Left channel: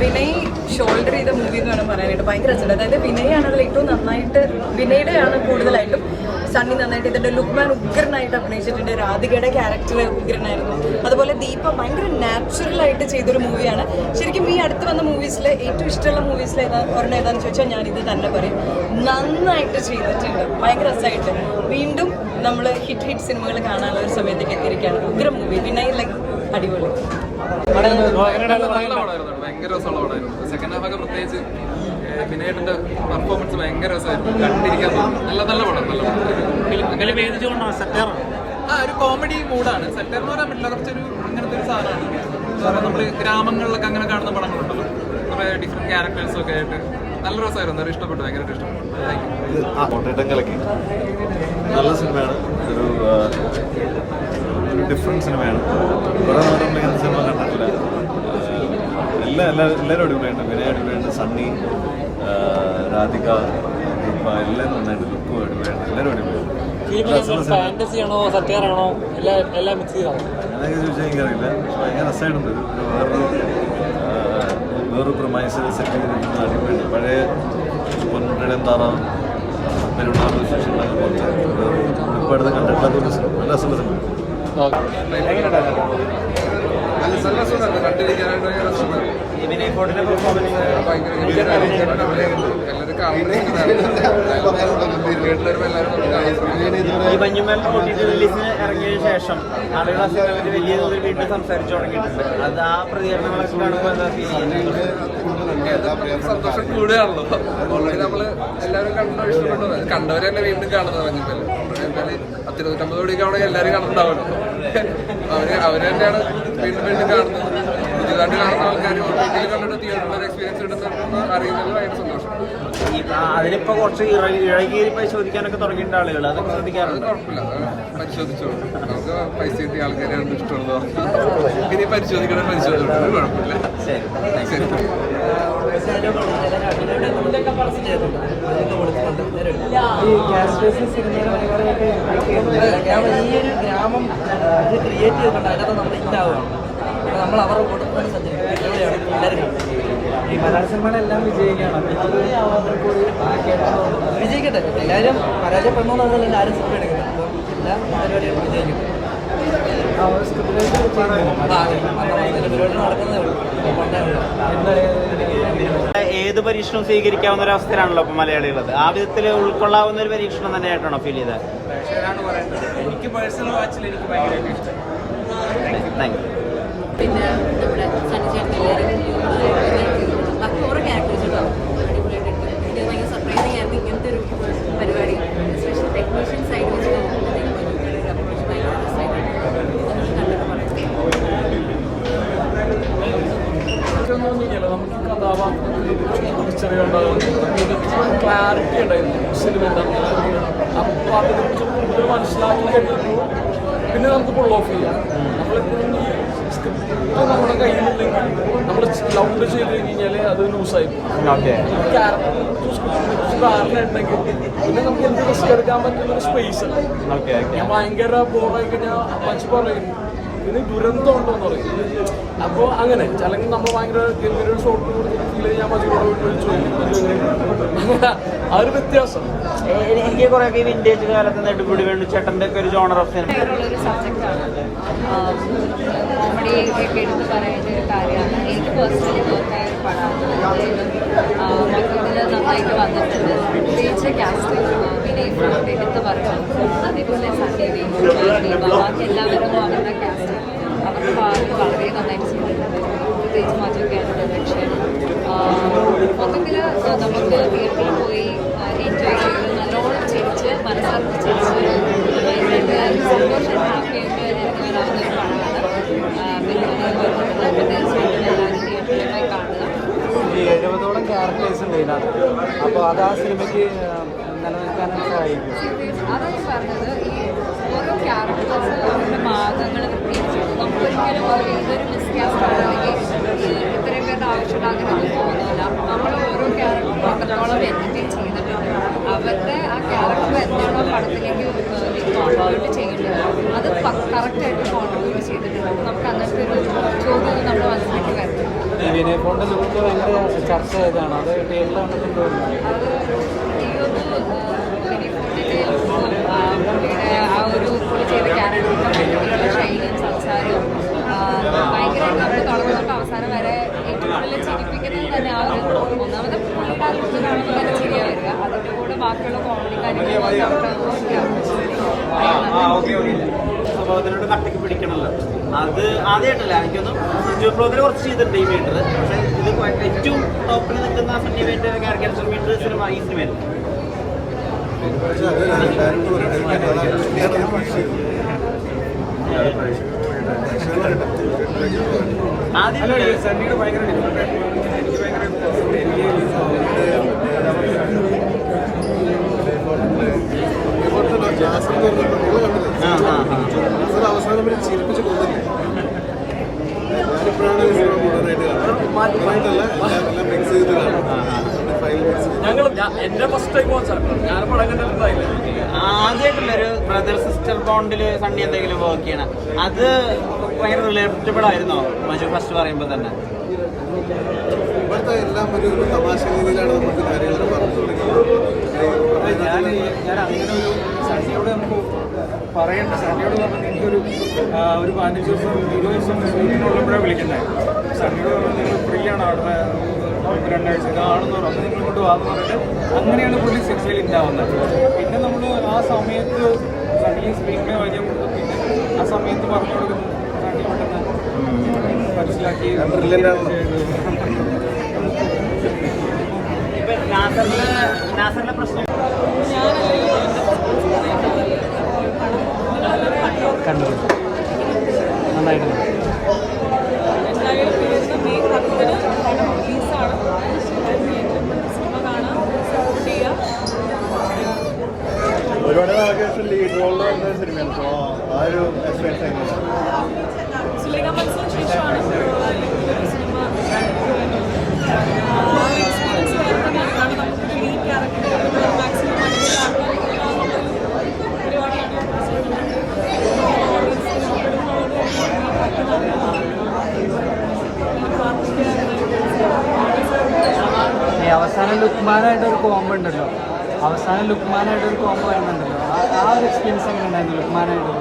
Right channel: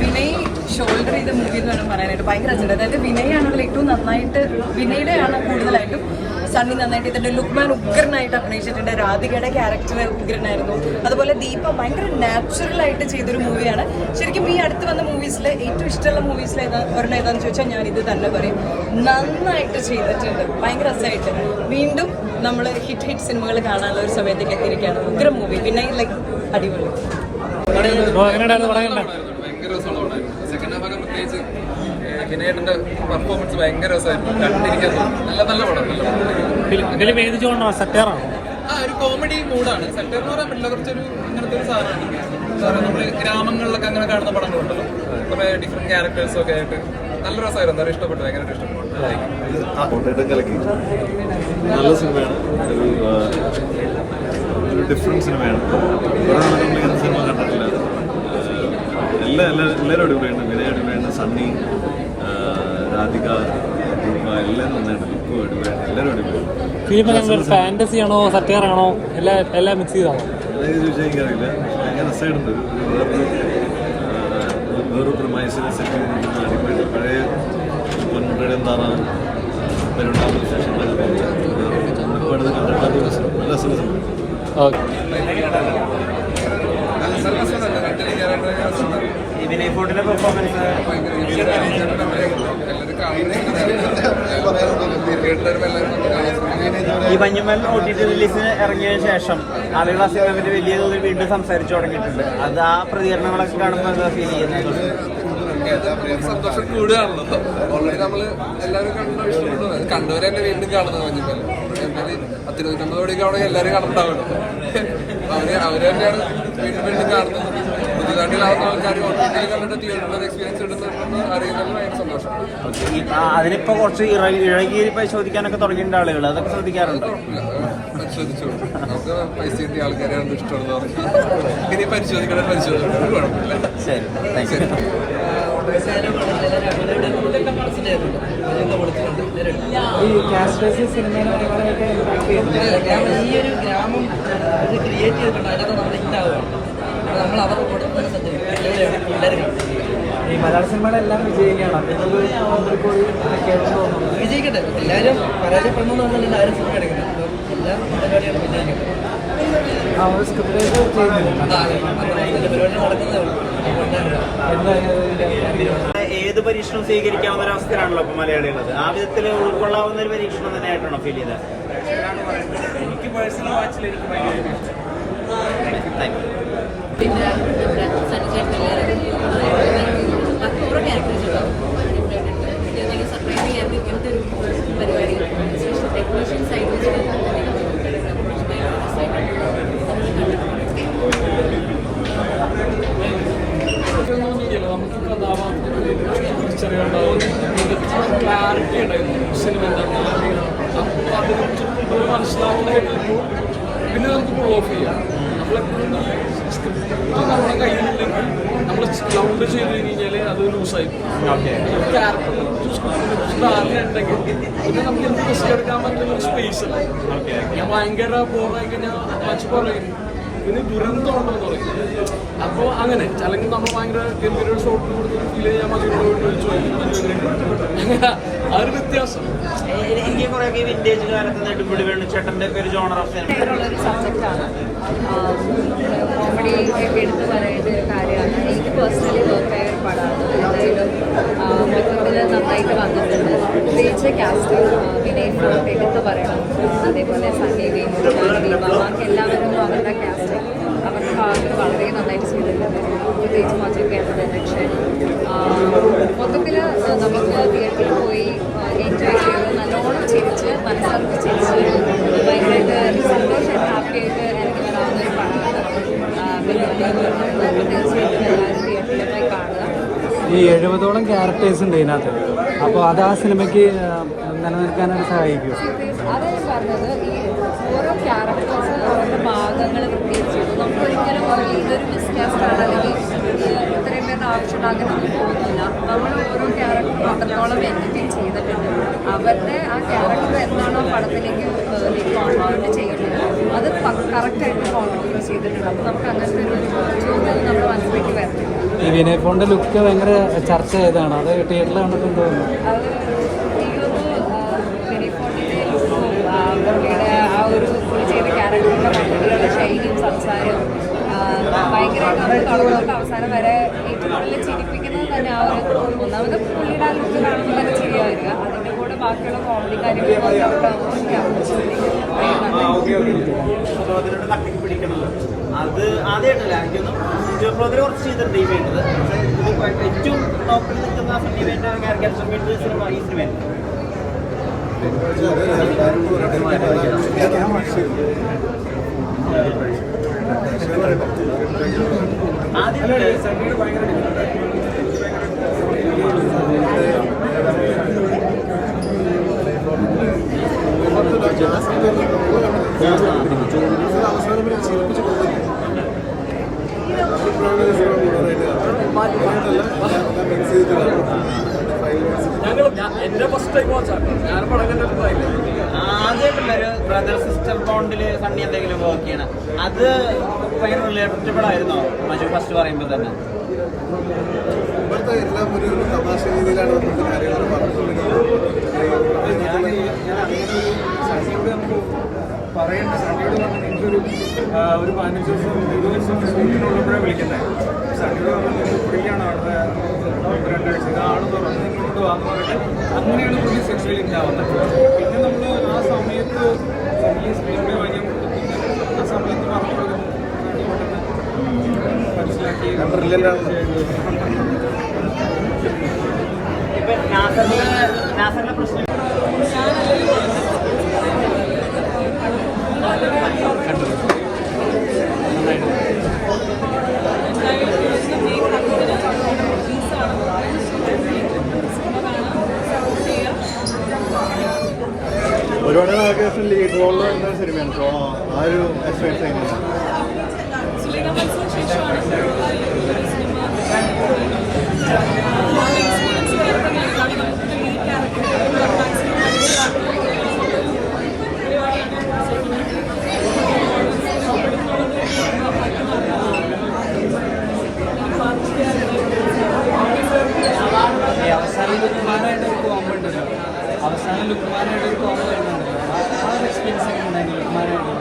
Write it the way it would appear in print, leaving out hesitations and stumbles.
Vinay shoulder ചെയ്ത movie എന്ന് വേണം പറയാനായിട്ട്. ഭയങ്കര അച്ചട. അതായത് വിനയാണ് അതിൽ ഏറ്റവും നന്നായിട്ട്, വിനയുടെയാണ് കൂടുതലായിട്ടും. സണ്ണി നന്നായിട്ട് ഇതിന്റെ ലുക്മാൻ ഉഗ്രനായിട്ട് അഭിനയിച്ചിട്ടുണ്ട്. രാധികയുടെ ക്യാരക്ടർ ഉഗ്രനായിരുന്നു. അതുപോലെ ദീപ ഭയങ്കര നാച്ചുറൽ ആയിട്ട് ചെയ്തൊരു മൂവിയാണ്. ശരിക്കും ഈ അടുത്ത് വന്ന മൂവീസിൽ ഏറ്റവും ഇഷ്ടമുള്ള മൂവീസിൽ ഒരെണ്ണം ഏതാണെന്ന് ചോദിച്ചാൽ ഞാനിത് തന്നെ പറയും. നന്നായിട്ട് ചെയ്തിട്ടുണ്ട്, ഭയങ്കര രസമായിട്ട്. വീണ്ടും നമ്മൾ ഹിറ്റ് സിനിമകൾ കാണാനുള്ള ഒരു സമയത്തേക്ക് എത്തിയിരിക്കുകയാണ്. ഉഗ്ര മൂവി. വിനയ് ലൈക്ക് അടിപൊളി. ഭയങ്കര രസമുള്ളതായിരുന്നു. സെക്കൻഡ് ഹാഫ് ഒക്കെ പ്രത്യേകിച്ച് വിനയേട്ടന്റെ പെർഫോമൻസ് ഭയങ്കര രസമായിരുന്നു. കണ്ടിരിക്കാൻ തോന്നുന്നു. നല്ല പടം, നല്ല പടം. ഒരു കോമഡി മൂഡാണ്. സെറ്റർ എന്ന് പറയാൻ പറ്റില്ല, കുറച്ചൊരു ഇങ്ങനത്തെ ഒരു സാധനമാണ്. എന്താ പറയുക, നമ്മൾ ഗ്രാമങ്ങളിലൊക്കെ അങ്ങനെ കാണുന്ന പടങ്ങളുണ്ടല്ലോ, കുറേ ഡിഫറെന്റ് ക്യാരക്ടേഴ്സും ഒക്കെ ആയിട്ട് നല്ല രസമായിരുന്നു. എന്തായാലും ഇഷ്ടപ്പെട്ടു, ഭയങ്കരമായിട്ട് ഇഷ്ടപ്പെട്ടു. നല്ല സിനിമയാണ്, ഒരു ഡിഫറെന്റ് സിനിമയാണ്. കുറേ നാളെ നമ്മൾ ഇങ്ങനത്തെ സിനിമ കണ്ടിട്ടില്ല. എല്ലാവരും അടിപൊളിയാണ്. വിനയ അടിപൊളിയാണ്, സണ്ണി, രാധിക, ദീപ എല്ലാവരും നന്നായിട്ട്. ലുക്കും അടിപൊളിയാണ്, എല്ലാവരും അടിപൊളിയാണ്. അതൊക്കെ ചോദിച്ചാൽ എനിക്കറിയില്ല. ഭയങ്കര രസമായിട്ടുണ്ട്. വേറൊരു പ്രമൈസിൽ സെറ്റ് ചെയ്തിരിക്കുന്ന അടിപൊളിയാണ്. പഴയ പൊൻമുട്ടയുടെ താറാവും പെരുണ്ടാകുന്ന വിശേഷങ്ങളൊക്കെ ഇപ്പോൾ അടുത്ത് കണ്ടിട്ടില്ലാത്ത സിനിമ. നല്ല രസമുള്ള സിനിമ. ഈ മഞ്ഞുമൽ OTT റിലീസിന് ഇറങ്ങിയ ശേഷം ആളുകൾ ആ സിനിമയിൽ വലിയ തോതിൽ വീണ്ടും സംസാരിച്ചു തുടങ്ങിയിട്ടുണ്ട്. അത് ആ പ്രതികരണങ്ങളൊക്കെ കാണുമ്പോൾ എന്താ ഫീൽ ചെയ്യുന്നത്? സന്തോഷം കൂടുകയാണല്ലോ. ഓൾറെഡി നമ്മള് എല്ലാവരും കണ്ടോ ഇഷ്ടപ്പെട്ടു. കണ്ടവരെ തന്നെ വീണ്ടും കാണുന്നത് മഞ്ഞുമൽ. എന്തായാലും 150 കോടിയൊക്കെ അവിടെ എല്ലാവരും കണ്ടിട്ടുണ്ടാവുമല്ലോ. അവര് തന്നെയാണ് വീണ്ടും കാണുന്നത്. പുതിയതായിട്ട് കാണുന്ന ആൾക്കാർ OTT കണ്ടിട്ട് തിയേറ്ററിൽ എക്സ്പീരിയൻസ് കിട്ടുന്നുണ്ടെന്ന് അറിയുന്നതിൽ ഭയങ്കര സന്തോഷം. അതിനിപ്പോ കുറച്ച് ഇഴകി പരിശോധിക്കാനൊക്കെ തുടങ്ങിയിട്ടുണ്ട് ആളുകൾ. അതൊക്കെ ശ്രദ്ധിക്കാറുണ്ട്. അത് കുഴപ്പമില്ല, പരിശോധിച്ചോളൂ. നമുക്ക് പൈസ കിട്ടിയ ആൾക്കാരെയാണ് ഇഷ്ടമുള്ളത്. ഇനി പരിശോധിക്കണം, പരിശോധിക്കണം, കുഴപ്പമില്ല. ശരി. ഈ ഒരു ഗ്രാമം ഇത് ക്രിയേറ്റ് ചെയ്തിട്ടുണ്ട്. അതിനകത്ത് നമ്മൾ ഇന്നാവുകയാണ്. നമ്മൾ അവരുടെ കൂടെ തന്നെ സഞ്ചരിക്കും. എവിടെയാണ് എല്ലാവരും ഈ മലയാള സിനിമകളെല്ലാം വിജയിക്കട്ടെ. എല്ലാവരും പരാജയപ്പെടണമെന്നല്ല ആരും സിനിമ എടുക്കുന്നത്. അപ്പോൾ എല്ലാ പരിപാടികളും വിജയിക്കട്ടെ. പരിപാടി നടക്കുന്നതേ ഉള്ളൂ. ഏത് പരീക്ഷണവും സ്വീകരിക്കാവുന്ന ഒരു അവസ്ഥയിലാണല്ലോ ഇപ്പൊ മലയാളികളത്. ആ വിധത്തിൽ ഉൾക്കൊള്ളാവുന്ന ഒരു പരീക്ഷണം തന്നെയായിട്ടാണോ ഫീൽ ചെയ്തത്? എനിക്ക് പേഴ്സണൽ വാച്ചിൽ എനിക്ക് ഭയങ്കരമായിട്ട് ഇഷ്ടം. Thank you. പിന്നെ നമ്മുടെ സണ്ണിച്ചേട്ടൻ എല്ലാവരും ഓരോ ക്യാരക്ടേഴ്സ് ഉണ്ടാവും. ഇത് ഭയങ്കര സർപ്രൈസിങ് ആയിരുന്നു ഇങ്ങനത്തെ ഒരു പരിപാടി. എസ്പെഷ്യലി ടെക്നീഷ്യൻ സൈഡിൽ അപ്രോച്ച് ഭയങ്കര രസമായിട്ടുണ്ട്. കണ്ടിട്ട് പറയാം. നമുക്ക് കഥാപാത്രത്തിൽ തിരിച്ചറിയേണ്ടാവും. ക്ലാരിറ്റി ഉണ്ടായിരുന്നു സിനിമ എന്താണെന്ന്. അപ്പോൾ അതിനെക്കുറിച്ച് കൂടുതൽ മനസ്സിലാക്കി കഴിയുമ്പോൾ പിന്നെ നമുക്ക് ഫുൾ ഓഫ് ചെയ്യാം. നമ്മളെപ്പോഴും നമ്മുടെ കയ്യിലുണ്ടെങ്കിൽ നമ്മൾ ലൗഡ് ചെയ്ത് കഴിഞ്ഞാൽ അത് ലൂസായി ക്യാരക്ടറിനെ കുറിച്ച് സ്ക്രിപ്റ്റിനെ കുറിച്ച് ധാരണ ഉണ്ടെങ്കിൽ പിന്നെ നമുക്ക് എന്ത് റിസ്ക് എടുക്കാൻ പറ്റുന്ന ഒരു സ്പേസ് ഉണ്ട്. ഞാൻ ഭയങ്കര ബോറായി കഴിഞ്ഞാൽ മച്ച് പറയും പിന്നെ ദുരന്തമാണെന്ന് പറയും. അപ്പോൾ അങ്ങനെ അല്ലെങ്കിൽ നമ്മൾ ഭയങ്കര ഗംഭീര ഷോട്ട് കൊടുത്തിട്ട് ഫീൽ ചെയ്യാൻ മതിയോട് ചോദിക്കും. ആ ഒരു വ്യത്യാസം എനിക്ക് കുറെ വിന്റേജ് കാലത്ത് നെടുമുടി വേണുചേട്ടൻ്റെ ഒക്കെ ഒരു ജോണർ ഒരു സബ്ജക്റ്റാണ്. കോമഡി ഒക്കെ എടുത്ത് പറയേണ്ട ഒരു കാര്യമാണ്. എനിക്ക് പേഴ്സണലി വർക്കായ ഒരു പടമാണ്. മൊത്തത്തിൽ നന്നായിട്ട് വന്നിട്ടുണ്ട്. പ്രത്യേകിച്ച് കാസ്റ്റ് വിനയ് എടുത്ത് പറയണം. അതേപോലെ സണ്ണി, ദീപ, ബാക്കി എല്ലാവരും അവരുടെ കാസ്റ്റ് അവരുടെ ഭാഗത്ത് വളരെ നന്നായിട്ട് ചെയ്തിട്ടുണ്ട്. പ്രത്യേകിച്ച് മജുക്കയുടെ ഡയറക്ഷൻ. മൊത്തത്തിൽ നമുക്ക് തിയേറ്ററിൽ പോയി എൻജോയ് ചെയ്ത് നല്ലോണം ചിരിച്ച് മനസ്സറിഞ്ഞ് ചിരിച്ച് ഭയങ്കരമായിട്ട് സന്തോഷമായിട്ട് ഹാപ്പിയായിട്ട് എനിക്ക് വരാവുന്ന ഒരു പടമാണ്. പിന്നെ തീർച്ചയായിട്ടും എല്ലാവരും തിയേറ്ററിൽ പോയി കാണുക. ഈ 70ഓളം ക്യാരക്ടേഴ്സ് ഉണ്ട് ഇതിനകത്ത്. അപ്പോൾ അത് ആ സിനിമയ്ക്ക് അതാ ഞാൻ പറഞ്ഞത്. ഈ ഓരോ ക്യാരക്ടേഴ്സ് അവരുടെ ഭാഗങ്ങൾ പ്രത്യേകിച്ച് നമുക്കൊരിക്കലും ഇതൊരു മിസ്കാസ്റ്റാണ് അല്ലെങ്കിൽ ഇത്രയും പേരുടെ ആവശ്യമുണ്ട് അങ്ങനെയൊന്നും തോന്നില്ല. നമ്മൾ ഓരോ ക്യാരക്ടറും അത്രത്തോളം എന്റർടൈൻ ചെയ്തിട്ടുണ്ട്. അവരുടെ ആ ക്യാരക്ടർ എന്താണോ പടത്തിലേക്ക് കോൺട്രിബ്യൂട്ട് ചെയ്യേണ്ടത് അത് കറക്റ്റായിട്ട് കോൺട്രിബ്യൂട്ട് ചെയ്തിട്ടുണ്ട്. അപ്പോൾ നമുക്ക് അങ്ങനത്തെ ഒരു ചോദ്യം നമ്മുടെ മനസ്സിലേക്ക് വരത്തില്ല. ഈ വിനയ് ഫോണിന്റെ ലുക്ക് ഭയങ്കര ചർച്ച ചെയ്തതാണ്. അത് തിയേറ്ററിലാണ് അത് എനിക്കൊന്നു ടെലിഫോണിൻ്റെ ലുക്കും പുള്ളിയുടെ ആ ഒരു പുള്ളി ചെയ്ത ക്യാരക്ടറിൻ്റെ മൊത്തത്തിലുള്ള ശൈലിയും സംസാരവും ഭയങ്കരമായിട്ട് നമ്മൾ തുടക്കം തൊട്ട് അവസാനം വരെ ഏറ്റവും കൂടുതൽ ചിരിപ്പിക്കുന്നത് തന്നെ ആ ഒരു ഒന്നാമത് പുള്ളിയുടെ ആ ലുക്ക് കാണുമ്പോൾ തന്നെ ചിരിയാ വരിക. അതിൻ്റെ കൂടെ ബാക്കിയുള്ള കോമഡി കാര്യങ്ങളും വർക്ക് ഔട്ട് അതിനോട് കട്ടക്ക് പിടിക്കണമല്ലോ. അത് ആദ്യമായിട്ടല്ല എനിക്കൊന്നും ബ്ലോഗിൽ കുറച്ച് ചെയ്തിട്ടുണ്ട് ഈ മീറ്റർ. പക്ഷേ ഇത് ഏറ്റവും ടോപ്പിൽ നിൽക്കുന്ന ആ സണ്ണി വേണ്ട ക്യാരക്ടർ മീറ്റർ സിനിമ ഈ സിനിമ ആദ്യം സണ്ണിയുടെ ഭയങ്കര ഡിഫറെൻ്റ് ആയിട്ടുള്ള എനിക്ക് അവസാനം വരെ ചിരിപ്പിച്ച് കൊന്നില്ല. ഞാനിപ്പോഴാണ് സിനിമ മുഴുവനായിട്ടല്ല മിക്സ് ചെയ്ത് ഞങ്ങൾ എന്റെ ഫസ്റ്റ് ടൈം വാച്ചാണ്. ഞാൻ പടം കണ്ടിട്ടുണ്ടായില്ല. ആദ്യമായിട്ടുള്ള ഒരു ബ്രദർ സിസ്റ്റർ ബോണ്ടിൽ സണ്ണി എന്തെങ്കിലും വർക്ക് ചെയ്യണം, അത് ഭയങ്കര റിലേറ്റബിൾ ആയിരുന്നോ മജു ഫസ്റ്റ് പറയുമ്പോൾ തന്നെ? ഇപ്പോഴത്തെ എല്ലാം ഒരു തമാശ രീതിയിലാണ് നമുക്ക് കാര്യങ്ങളൊക്കെ പറഞ്ഞു തുടങ്ങിയത്. ഞാൻ അങ്ങനെ ഒരു സണ്ണിയോട് നമുക്ക് പറയേണ്ട, സണ്ണിയോട് പറഞ്ഞാൽ എനിക്കൊരു 15 ദിവസം 20 ദിവസം ഷൂട്ടിനുള്ളപ്പോഴാണ് വിളിക്കുന്നത്. സണ്ണിയോട് പറഞ്ഞാൽ നിങ്ങൾ ഫ്രീ ആണ് അവിടെ 2 ആഴ്ച ഇതാണെന്ന് പറഞ്ഞു, നിങ്ങളോട് വാന്ന് പറഞ്ഞിട്ട് അങ്ങനെയാണ് പുള്ളി സിനിമയിൽ ഉണ്ടാവുന്നത്. പിന്നെ നമ്മൾ ആ സമയത്ത് സണ്ണി സ്ക്രീനിനെ വാങ്ങിയ മുമ്പ് പിന്നെ ആ സമയത്ത് പറഞ്ഞു കൊടുക്കുന്നു സണ്ണി പെട്ടെന്ന് മനസ്സിലാക്കി. ഇപ്പൊ നാസറിന്റെ പ്രശ്നം കണ്ടത് നന്നായിട്ട്. എന്തായാലും വരുന്ന മെയ് 10-ന് റിലീസാണ്. സിനിമ കാണാം, സപ്പോർട്ട് ചെയ്യുക. ഒരുപാട് ലീഡ് റോളിൽ വരുന്ന സിനിമയാണ്. അപ്പോൾ ആ ഒരു എക്സ്പീരിയൻസ് സുലൈഖ മൻസൂർ ശേഷമാണ് ഒരു സിനിമ ആ ഒരു എക്സ്പീരിയൻസ് വേറെ തന്നെയാണ്. കാരണം നമുക്കൊരു ലീഡ് ക്യാരക്ടർ മാക്സിമം പരിപാടിയാണ്. ഈ അവസാനം ലുക്മാനായിട്ടൊരു കോംബോ ഉണ്ടല്ലോ, അവസാനം ലുക്മാനായിട്ടൊരു കോംബോ വരുന്നുണ്ടല്ലോ, ആ ഒരു എക്സ്പീരിയൻസ് എങ്ങനെ ഉണ്ടായിരുന്നു ലുക്മാനായിട്ട്?